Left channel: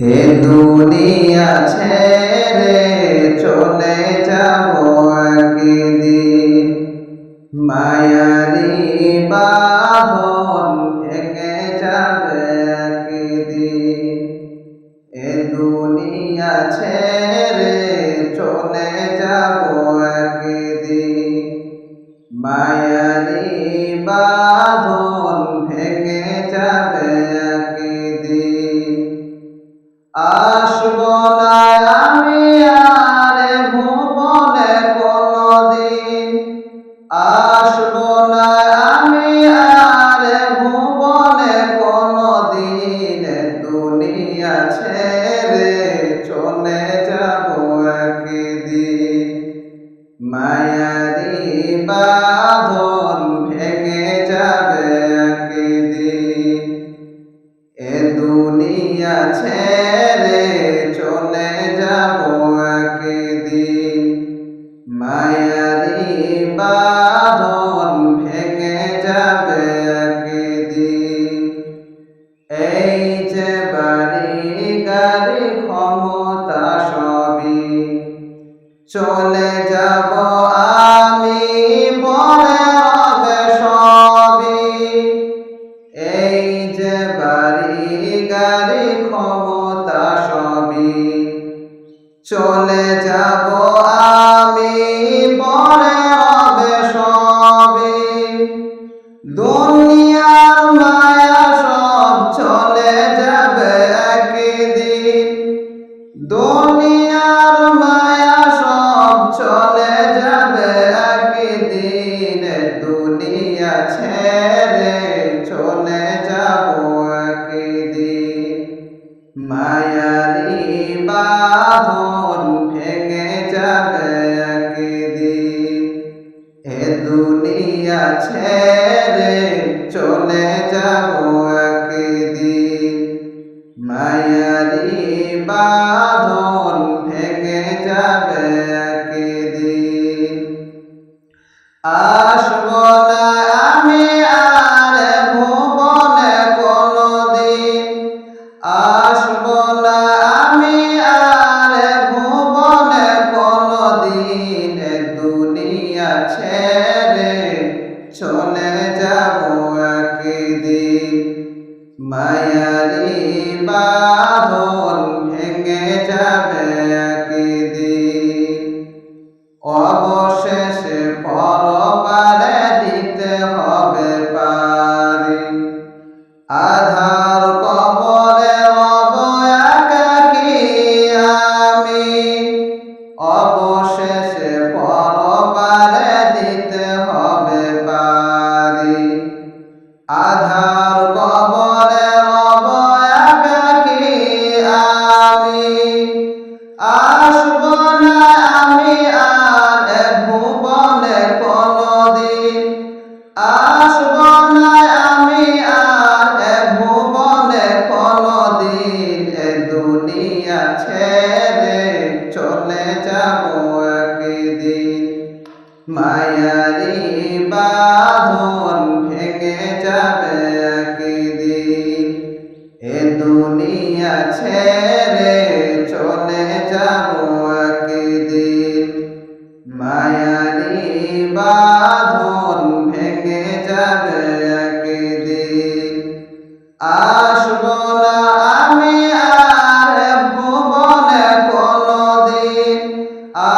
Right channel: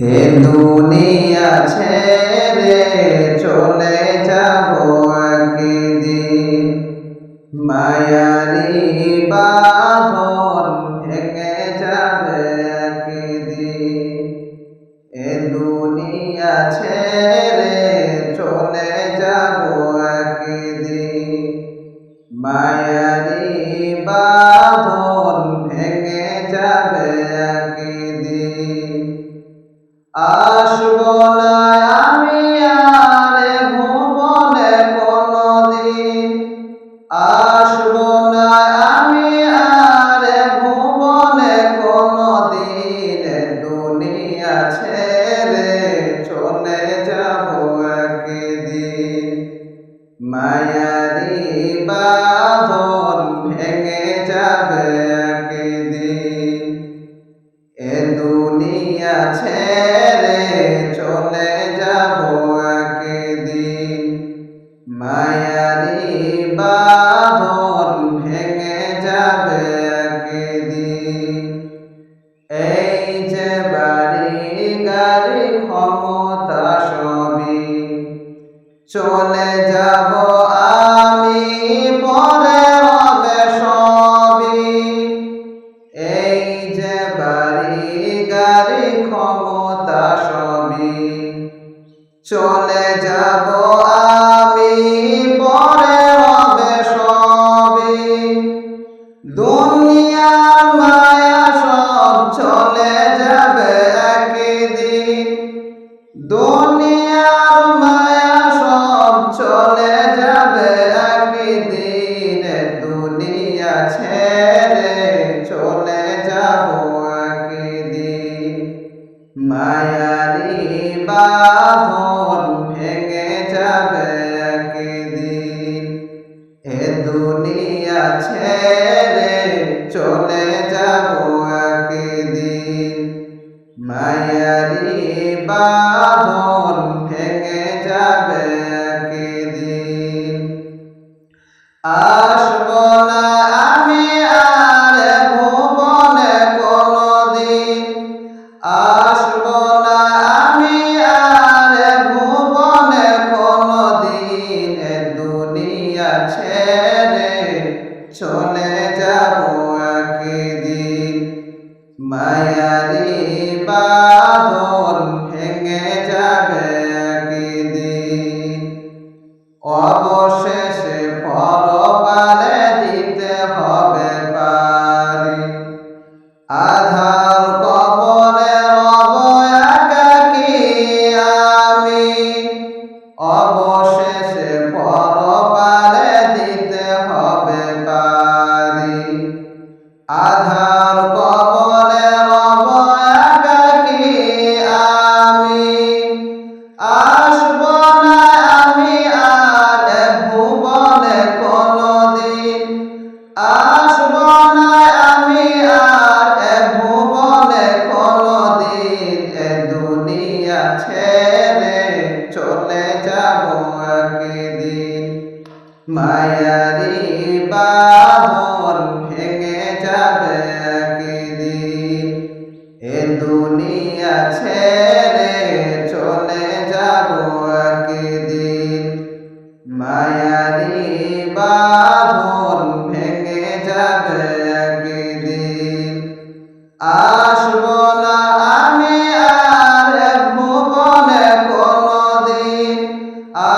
হে দুনিয়া ছেড়ে চলে যাব একদিন, মায়ারি বাঁধন ভেঙে যাবে একদিন। এ দুনিয়া ছেড়ে চলে যাব একদিন, মায়ারি বাঁধন ভেঙে যাবে একদিন। আসব না আমি আর ভুবনে কোনদিন, আসব না আমি আর ভুবনে কোনদিন। দুনিয়া ছেড়ে চলে যাব একদিন, মায়ারি বাঁধন ভেঙে যাবে একদিন। এ দুনিয়া ছেড়ে চলে যাব একদিন, মায়ারি বাঁধন ভেঙে যাবে একদিন। এই যে বাড়ি গাড়ি ক্ষমতা সবই চলে যাব আমি, পরে রবে সবই। এই যে বাড়ি গাড়ি ক্ষমতা সবই চলে যাব আমি, পরে রবে সবই। দুনিয়ার মায়া সব চলে যাবে একদিন, দুনিয়ার মায়া সব চলে যাবে একদিন। দুনিয়া ছেড়ে চলে যাব একদিন, মায়ারি বাঁধন ভেঙে যাবে একদিন। এ দুনিয়া ছেড়ে চলে যাব একদিন, মায়ারি বাঁধন ভেঙে যাবে একদিন। আসব না আমি আর ভুবনে কোনদিন, আসব না আমি আর ভুবনে কোনদিন। দুনিয়া ছেড়ে চলে যাব একদিন, মায়ারি বাঁধন ভেঙে যাবে একদিন। অবশেষে পরপারে দিতে হবে পারি, আধার কবরে রব একাকী আমি। অবশেষে পরপারে দিতে হবে পারি, আধার কবরে রব একাকী আমি। আসব না আমি আর ভুবনে কোনদিন, আসব না আমি আর ভুবনে কোনদিন। দুনিয়া ছেড়ে চলে যাব একদিন, মায়ারি বাঁধন ভেঙে যাবে একদিন। এ দুনিয়া ছেড়ে চলে যাব একদিন, মায়ারি বাঁধন ভেঙে যাবে একদিন। আসব না আমি আর ভুবনে কোনদিন,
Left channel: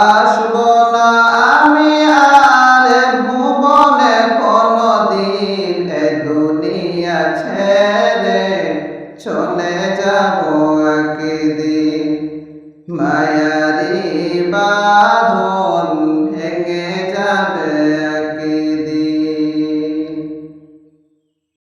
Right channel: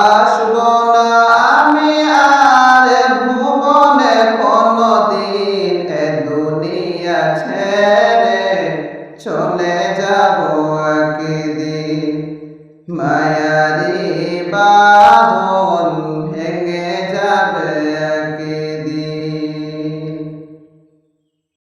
আসব না আমি আর ভুবনে কোনদিন। এ দুনিয়া ছেড়ে চলে যাব একদিন, মায়ারি বাঁধন